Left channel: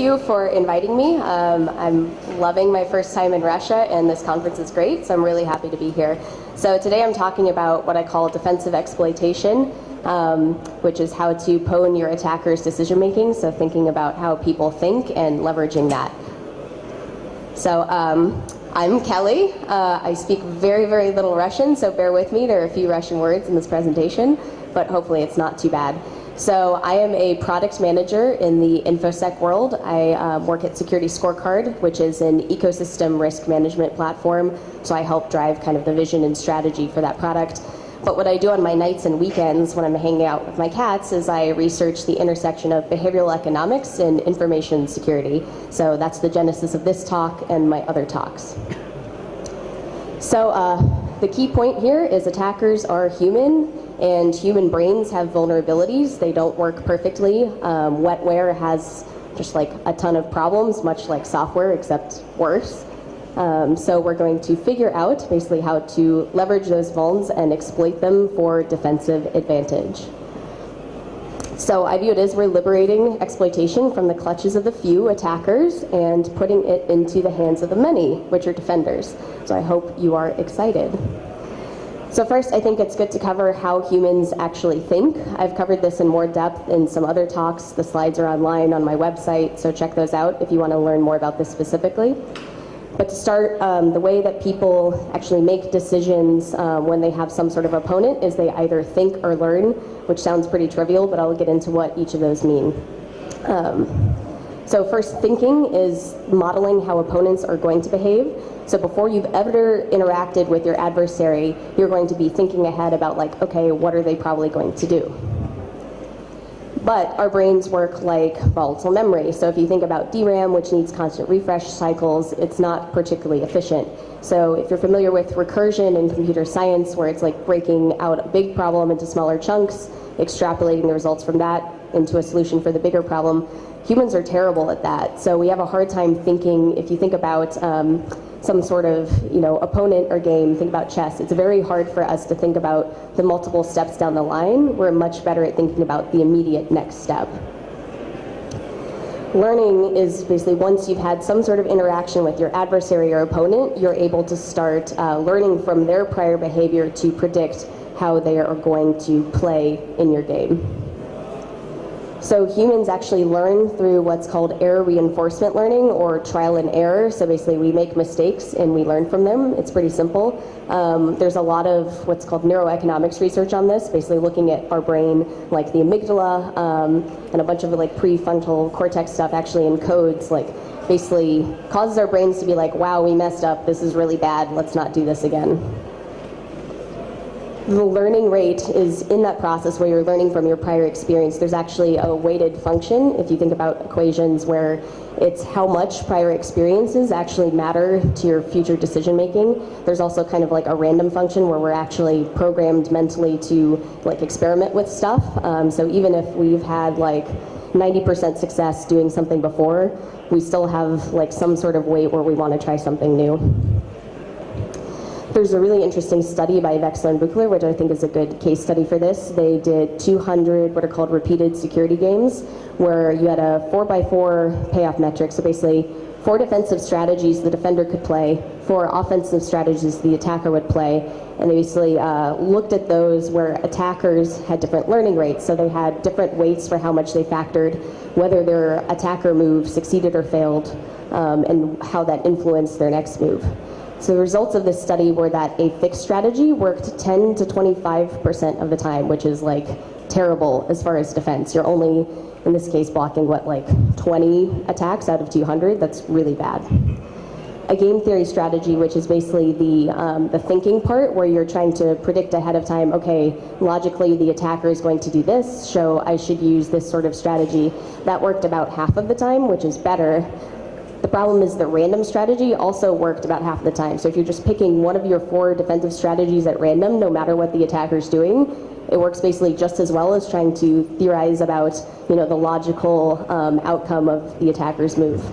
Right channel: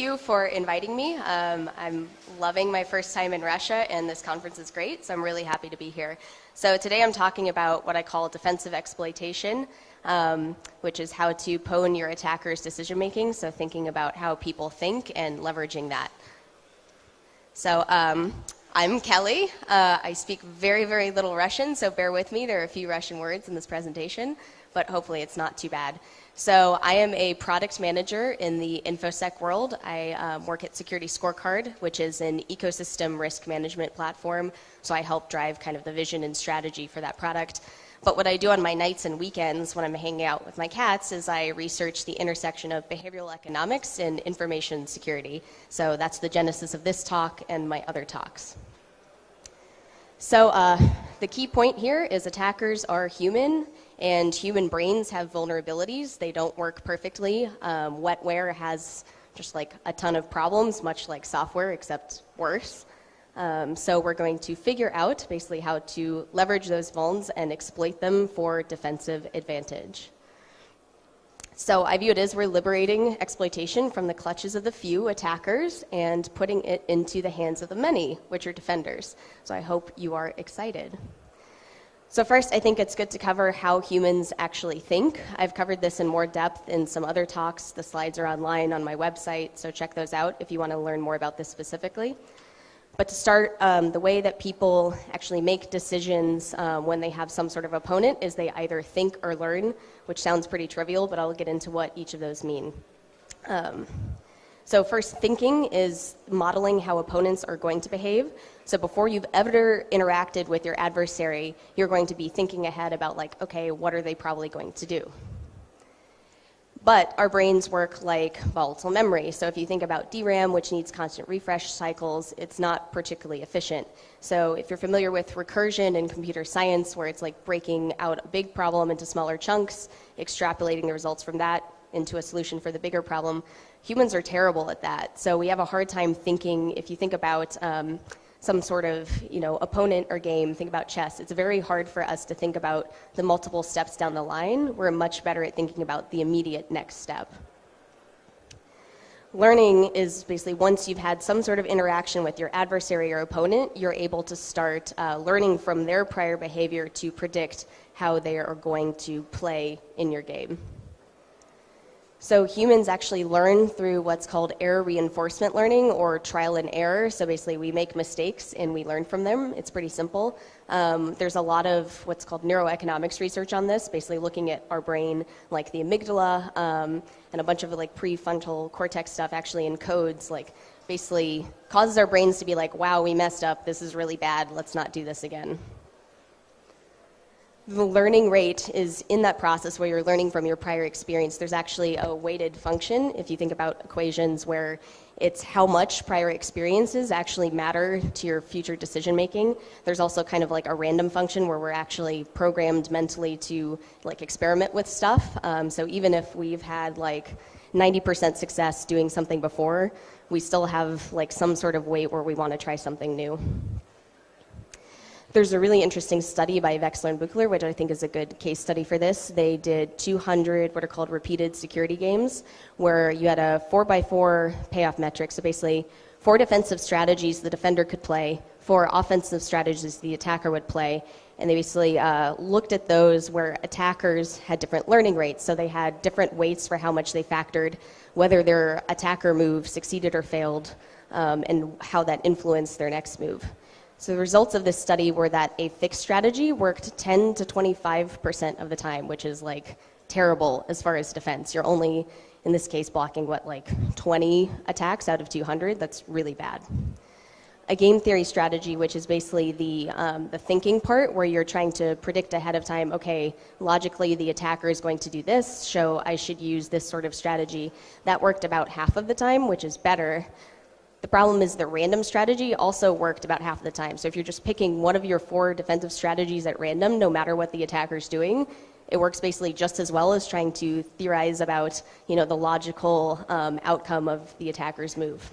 you for inviting me. I'm loving my first time in Russia, and this conference is great, so I'm really happy to be here. So today I'm talking about what I call defensive exploitation, which is how to pwn your attacker's decision-making, so thinking about how people think and leveraging that. So I'm Kelly. I speak very, very little Russian, so bear with me. There are a few Russian words in this presentation, but hopefully it's not too bad. So I am a product manager in the InfoSec world. I work at Security Scorecard, which is an ecosystem risk management platform. So I help drive kind of the vision and strategy for that product. But what I do on my nights and weekends when I'm hanging out with my cats is I research the intersection of behavioral economics and information security. So that's the genesis of this talk and my other talks. So the key point here is attackers are human, and human brains have vulnerabilities. They don't work perfectly. Wetware has just like a ton of problems, much like software, except worse. So we're going to figure out basically how to leverage those vulns and exploit them for defensive advantage. So I view it as we're liberating exploitation from the clutches of the few attackers and putting it into the hands of the many, which are defenders. So I hope you are excited. So first, I think it's good to cover how humans actually think. I've covered this in more depth in some other talks. The slides are online on my website, so check those out if you want to learn more about this specifically. But to start, the way that people actually make decisions when they have some sort of opponent is they either think or learn, which sounds pretty trivial, but I'll get into what each of those mean. So first, thinking is modeling how opponents are going to behave. So before you've ever interacted with your adversary, you're going to be thinking ahead about like, okay, what are they probably going to do? But our brains work like volatile memory. So if you think about DRAM, which needs constant refresh cycles, it's not particularly efficient. So if you're familiar with recursion in computer science, where it's like breaking out a big problem into smaller chunks, extrapolating the results from that into a solution for the bigger problem, humans are terrible at that. So we have a hard time thinking. If you think about some sort of opponent or game, think about chess. It's very hard for us to think about the multiple steps down the line. We're much better at thinking about the immediate next step. Learning is basically once you've had some sort of interaction with your adversary or opponent, you're able to start learning from their prior behavior to predict how they are going to play in your game. So humans actually learn through what's called error reinforcement learning, or trial and error. So basically we make mistakes and we learn from them. It's pretty simple. There's a lot of what's called neuroeconomics research on this, basically looking at our brain, like the amygdala, and a bunch of like prefrontal cortex stuff actually encodes, like basically causes our brains to be like, wow, we messed up, this is really bad, let's not do this again. The learning rate is in that process where you're learning from your prior experience. There's actually a weighted function, if you think about equations, where it's how much prior experiences actually matter to your future decision making. There's also kind of like a random function where we're actually programmed mentally to like experiment with stuff. So even if we've had like 90% success doing something before, we still have like some sort of weight where we want to try something new. There's a really interesting study by Wexler and Buchler, which I think is a good case study for this. They did 200 what are called repeated security games, where you had a 4x4 payoff metric. So basically 4 defensive strategies the defender could play, 4 offensive strategies the attacker would play, and they basically looked at those where attackers had different learning rates. So they had different weights for how much they factored, whether their attacker move succeeded or failed, and how that influenced their next move. So the results of this study were that a fixed strategy worked 10 to 25% of the time, which is like terrible as far as defense. You're only, in this case, blocking what, like 20 attacks out of 200? That's really bad. A game theory strategy, which is basically the thinking part, where you're trying to predict ahead of time, okay, logically the attacker is going to do this, so I should use this sort of strategy. That worked about half of the time, which is better. The problem is the random strategy also worked about half the time. So if you're just picking one of your 4 defensive strategies at random, no matter what the attacker's doing, it works basically just as well as trying to theorize about the logical outcome of the attacker's move.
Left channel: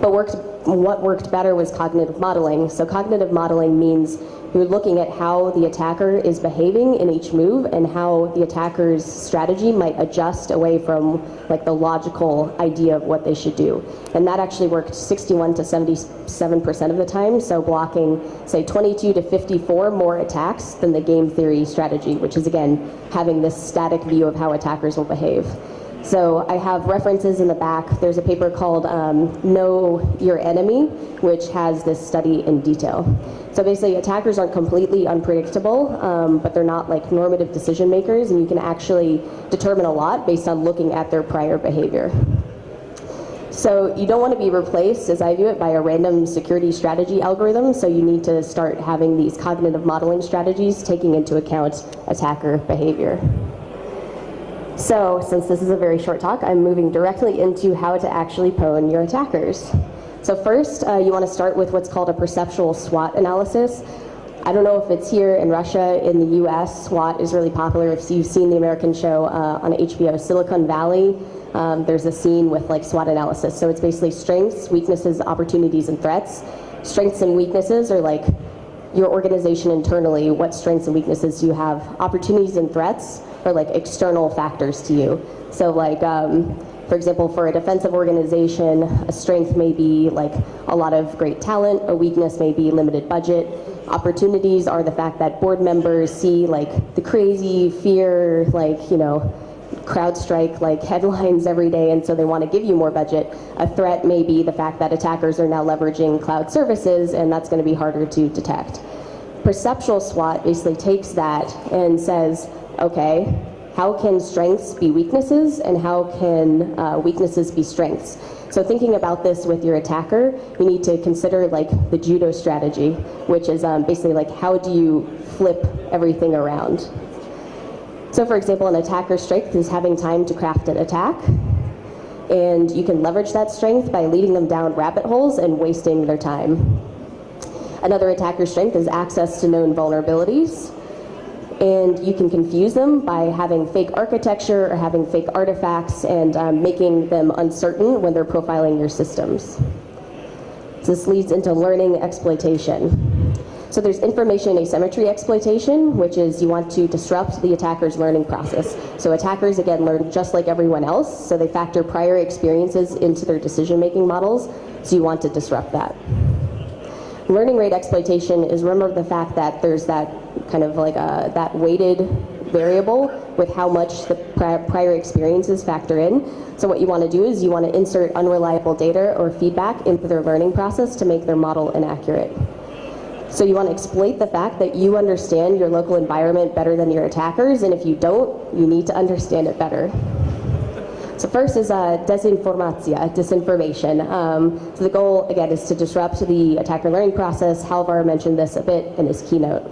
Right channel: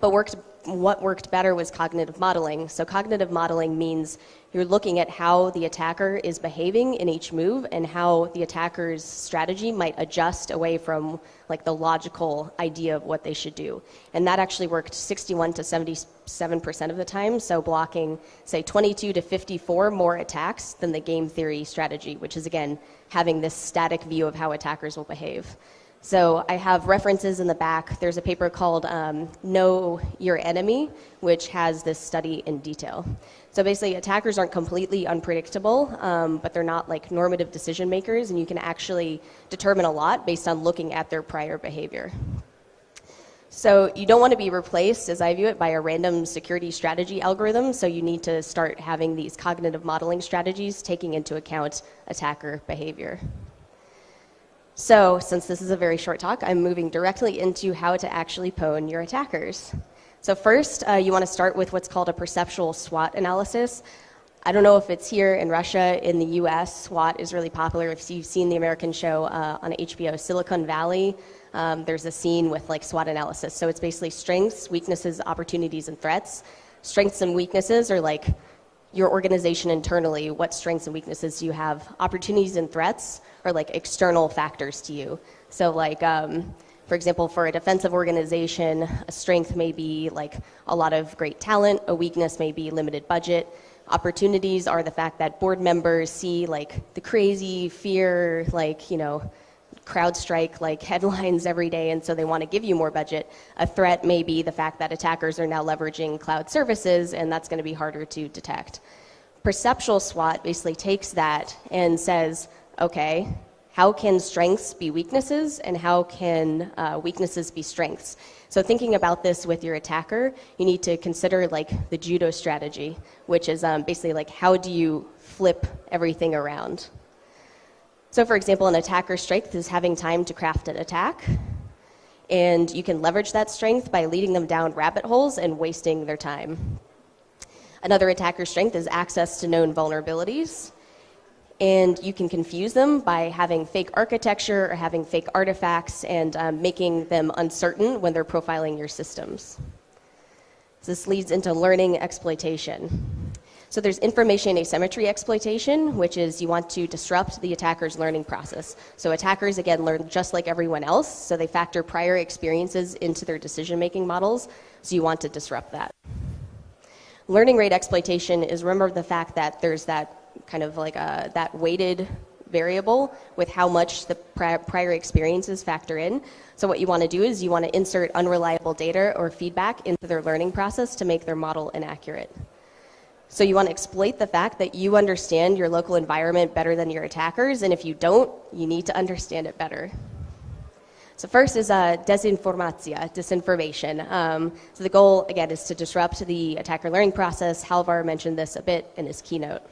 But worked what worked better was cognitive modeling. So cognitive modeling means you're looking at how the attacker is behaving in each move and how the attacker's strategy might adjust away from like the logical idea of what they should do. And that actually worked 61 to 77% of the time, so blocking, say, 22 to 54 more attacks than the game theory strategy, which is, again, having this static view of how attackers will behave. So I have references in the back. There's a paper called Know Your Enemy, which has this study in detail. So basically, attackers aren't completely unpredictable, but they're not like normative decision makers, and you can actually determine a lot based on looking at their prior behavior. So you don't want to be replaced, as I view it, by a random security strategy algorithm, so you need to start having these cognitive modeling strategies taking into account attacker behavior. So, since this is a very short talk, I'm moving directly into how to actually pwn your attackers. So first, you want to start with what's called a perceptual SWOT analysis. I don't know if it's here in Russia. In the US, SWOT is really popular. If you've seen the American show on HBO, Silicon Valley, there's a scene with like SWOT analysis. So it's basically strengths, weaknesses, opportunities, and threats. Strengths and weaknesses are like your organization internally, what strengths and weaknesses do you have. Opportunities and threats are like external factors to you. So like, for example, for a defensive organization, a strength may be like a lot of great talent, a weakness may be limited budget. Opportunities are the fact that board members see like the crazy fear, like, you know, CrowdStrike like headlines every day, and so they want to give you more budget. A threat may be the fact that attackers are now leveraging cloud services, and that's going to be harder to detect. Perceptual SWOT basically takes that and says, okay, how can strengths be weaknesses, and how can weaknesses be strengths? So thinking about this with your attacker, you need to consider like the judo strategy, which is basically like how do you flip everything around? So for example, an attacker's strength is having time to craft an attack, and you can leverage that strength by leading them down rabbit holes and wasting their time. Another attacker's strength is access to known vulnerabilities, and you can confuse them by having fake architecture or having fake artifacts and making them uncertain when they're profiling your systems. So this leads into learning exploitation. So there's information asymmetry exploitation, which is you want to disrupt the attacker's learning process. So attackers, again, learn just like everyone else, so they factor prior experiences into their decision-making models, so you want to disrupt that. Learning rate exploitation is, remember the fact that there's that kind of like that weighted variable with how much the prior experiences factor in. So what you want to do is you want to insert unreliable data or feedback into their learning process to make their model inaccurate. So you want to exploit the fact that you understand your local environment better than your attackers, and if you don't, you need to understand it better. So first is disinformation. So the goal, again, is to disrupt the attacker learning process. Halvar mentioned this a bit in his keynote.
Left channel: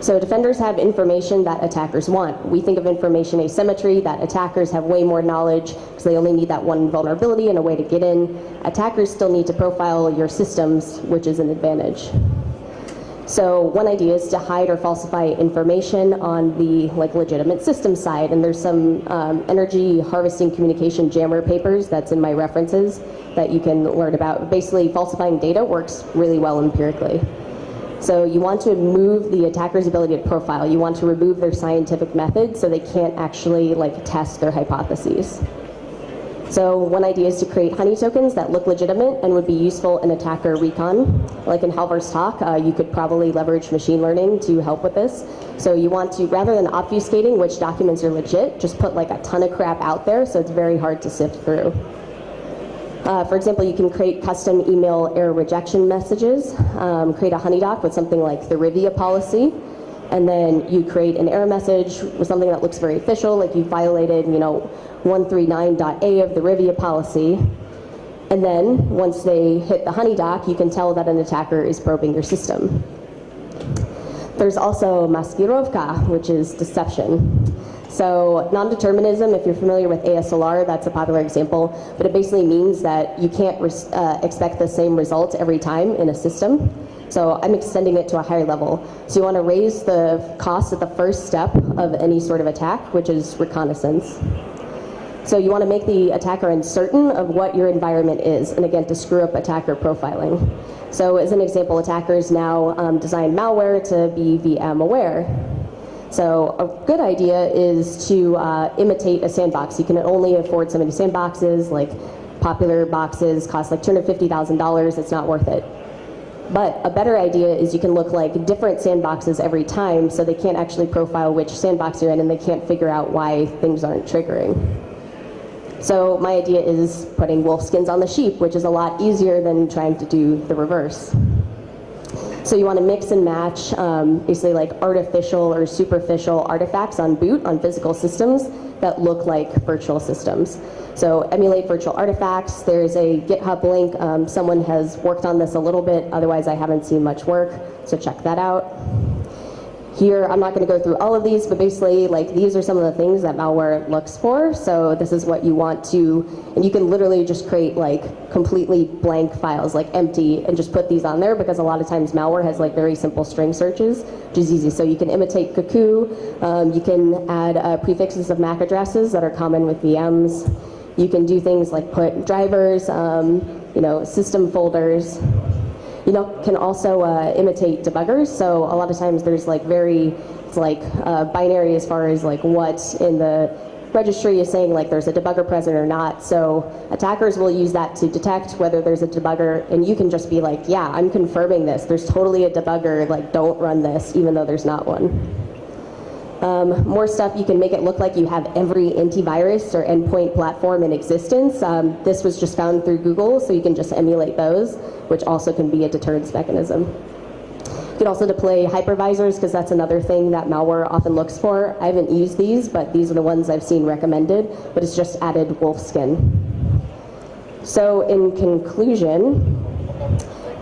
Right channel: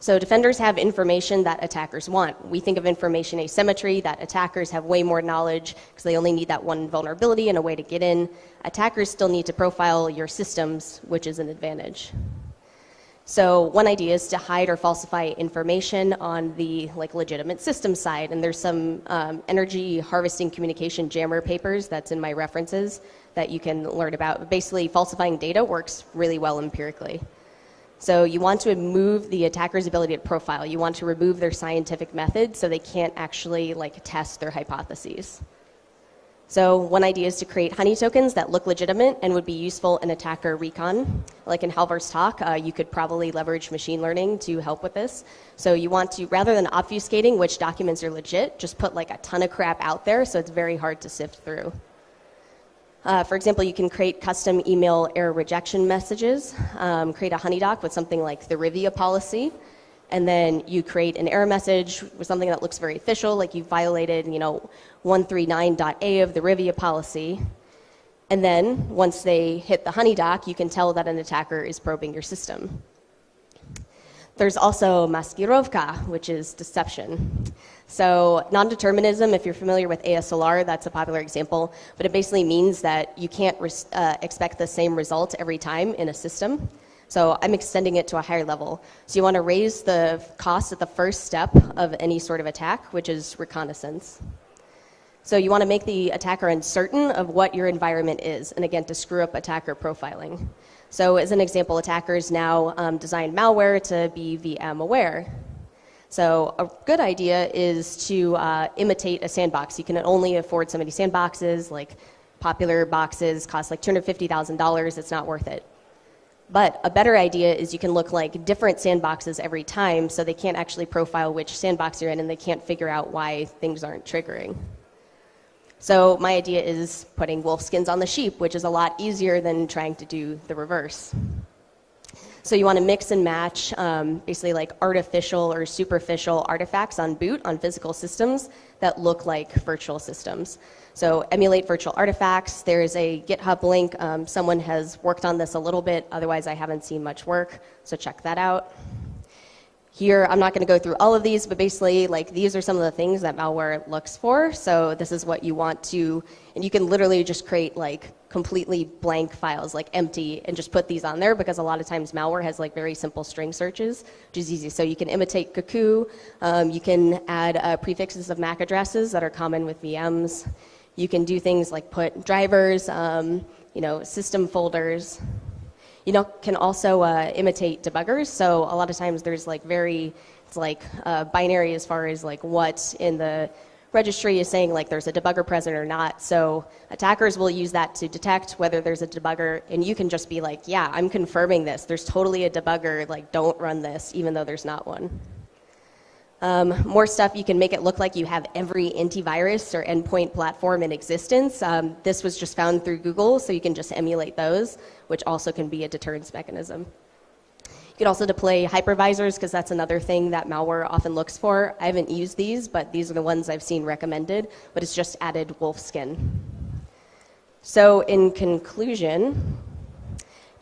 So defenders have information that attackers want. We think of information asymmetry, that attackers have way more knowledge because they only need that one vulnerability and a way to get in. Attackers still need to profile your systems, which is an advantage. So one idea is to hide or falsify information on the legitimate system side, and there's some energy harvesting communication jammer papers that's in my references that you can learn about. Basically, falsifying data works really well empirically. So you want to remove the attacker's ability to profile. You want to remove their scientific method so they can't actually test their hypotheses. So one idea is to create honey tokens that look legitimate and would be useful in attacker recon. Like in Halvar's talk, you could probably leverage machine learning to help with this. So you want to, rather than obfuscating which documents are legit, just put a ton of crap out there so it's very hard to sift through. For example, you can create custom email error rejection messages, create a honeydoc with something like the Rivia policy, and then you create an error message with something that looks very official, like you violated, 139.a of the Rivia policy. And then once they hit the honeydoc, you can tell that an attacker is probing your system. There's also maskirovka, which is deception. So non-determinism, if you're familiar with ASLR, that's a popular example, but it basically means that you can't expect the same result every time in a system. So I'm extending it to a higher level. So you want to raise the cost at the first step of any sort of attack, which is reconnaissance. So you want to make the attacker uncertain of what your environment is, and again, to screw up attacker profiling. So as an example, attackers now design malware to be VM aware. So a good idea is to imitate a sandbox. You can only afford so many sandboxes, like popular boxes cost like $250,000, it's not worth it. But a better idea is you can look like different sandboxes every time, so they can't actually profile which sandbox you're in, and they can't figure out why things aren't triggering. So my idea is putting wolf skins on the sheep, which is a lot easier than trying to do the reverse. So you want to mix and match basically like artificial or superficial artifacts on boot on physical systems that look like virtual systems. So emulate virtual artifacts. There's a GitHub link. Someone has worked on this a little bit. Otherwise, I haven't seen much work. So check that out. Here, I'm not going to go through all of these, but basically, like, these are some of the things that malware looks for. So this is what you want to, and you can literally just create like completely blank files, like empty, and just put these on there, because a lot of times malware has like very simple string searches, which is easy. So you can imitate Cuckoo. You can add prefixes of MAC addresses that are common with VMs. You can do things like put drivers, system folders. You can also imitate debuggers. So a lot of times there's like it's like binary as far as like what in the registry is saying like there's a debugger present or not. So attackers will use that to detect whether there's a debugger, and you can just be like, yeah, I'm confirming this. There's totally a debugger, like don't run this, even though there's not one. More stuff, you can make it look like you have every antivirus or endpoint platform in existence. This was just found through Google, so you can just emulate those, which also can be a deterrence mechanism. You can also deploy hypervisors, because that's another thing that malware often looks for. I haven't used these, but these are the ones I've seen recommended, but it's just added wolf skin. So in conclusion,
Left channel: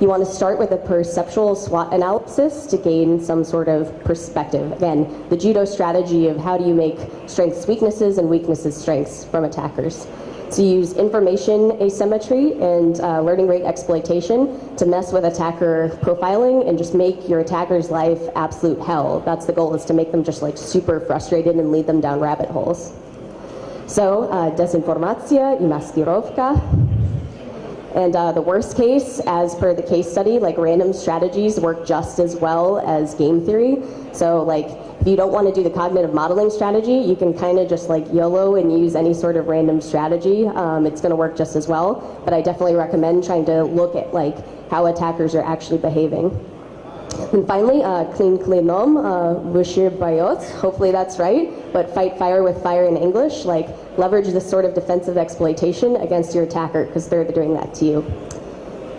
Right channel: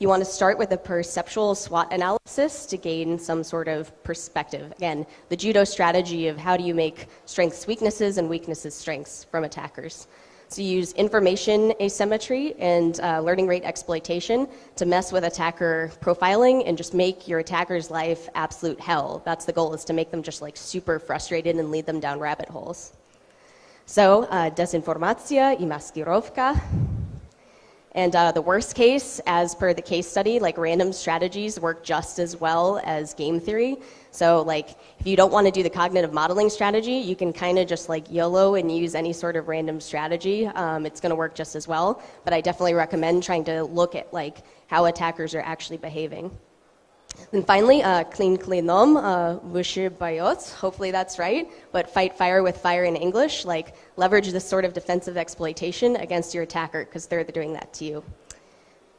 you want to start with a perceptual SWOT analysis to gain some sort of perspective. Again, the judo strategy of how do you make strengths weaknesses and weaknesses strengths from attackers. So you use information asymmetry and learning rate exploitation to mess with attacker profiling and just make your attacker's life absolute hell. That's the goal, is to make them just like super frustrated and lead them down rabbit holes. So desinformacja i maskirovka. And the worst case, as per the case study, like random strategies work just as well as game theory. So like if you don't want to do the cognitive modeling strategy, you can kind of just like YOLO and use any sort of random strategy. It's going to work just as well. But I definitely recommend trying to look at like how attackers are actually behaving. And finally, clean klinom, vushir bayot, hopefully that's right, but fight fire with fire in English, like leverage this sort of defensive exploitation against your attacker, because they're doing that to you.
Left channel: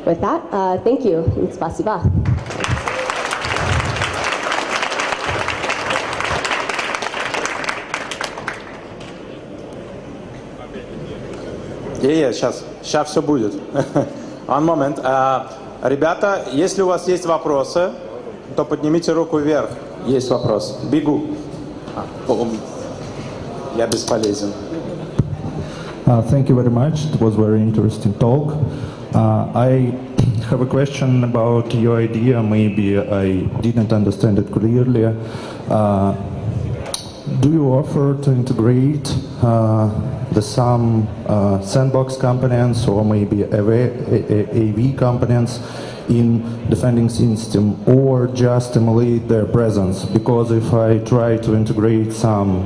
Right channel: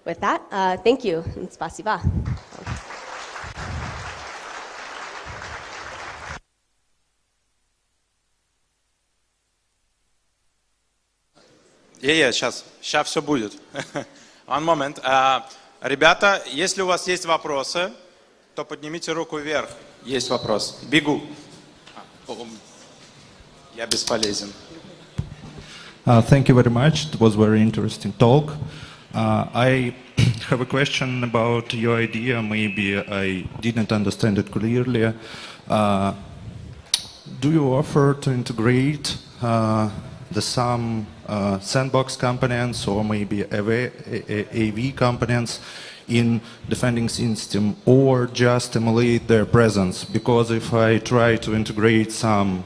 With that, thank you, and spasiba. Сейчас все будет. One moment. Ребята, если у вас есть вопросы, то поднимите руку вверх. Есть вопрос. Бегу. Я бесполезен. Thank you very much. It was very interesting talk. I have a question about your idea. Maybe I didn't understand it clearly. Do you offer to integrate some sandbox components or maybe AV components in defending system, or just emulate their presence? Because if I try to integrate some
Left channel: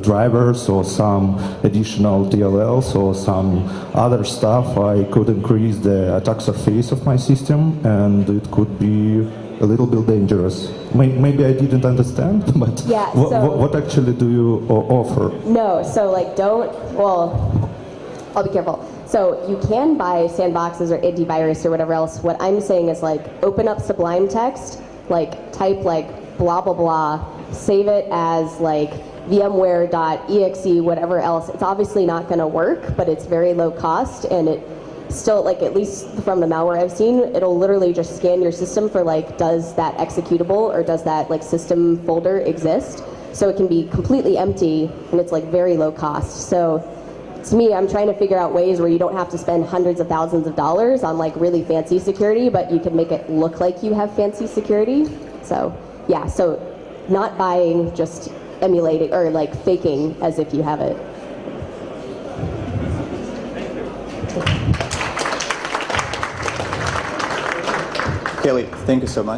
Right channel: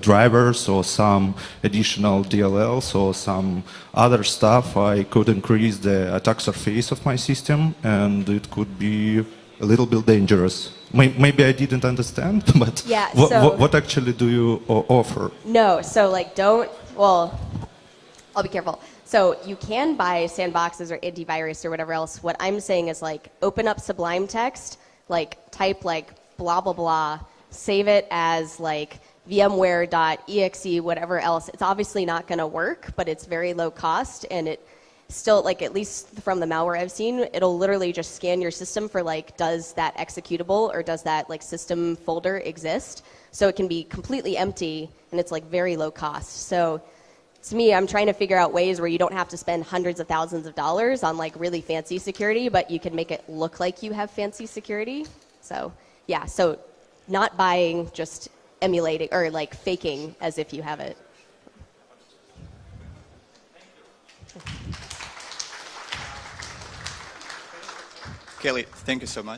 drivers or some additional DLLs or some other stuff, I could increase the attack surface of my system, and it could be a little bit dangerous. Maybe I didn't understand, but yeah, what actually do you offer? No, so like I'll be careful. So you can buy sandboxes or antivirus or whatever else. What I'm saying is like open up Sublime Text, like type like blah, blah, blah, save it as like VMware.exe, whatever else. It's obviously not going to work, but it's very low cost, and it still, like, at least from the malware I've seen, it'll literally just scan your system for like, does that executable or does that like system folder exist? So it can be completely empty, and it's like very low cost. So to me, I'm trying to figure out ways where you don't have to spend hundreds of thousands of dollars on like really fancy security, but you can make it look like you have fancy security. So yeah, so not buying, just emulating or like faking as if you have it. Kelly, thank you so much.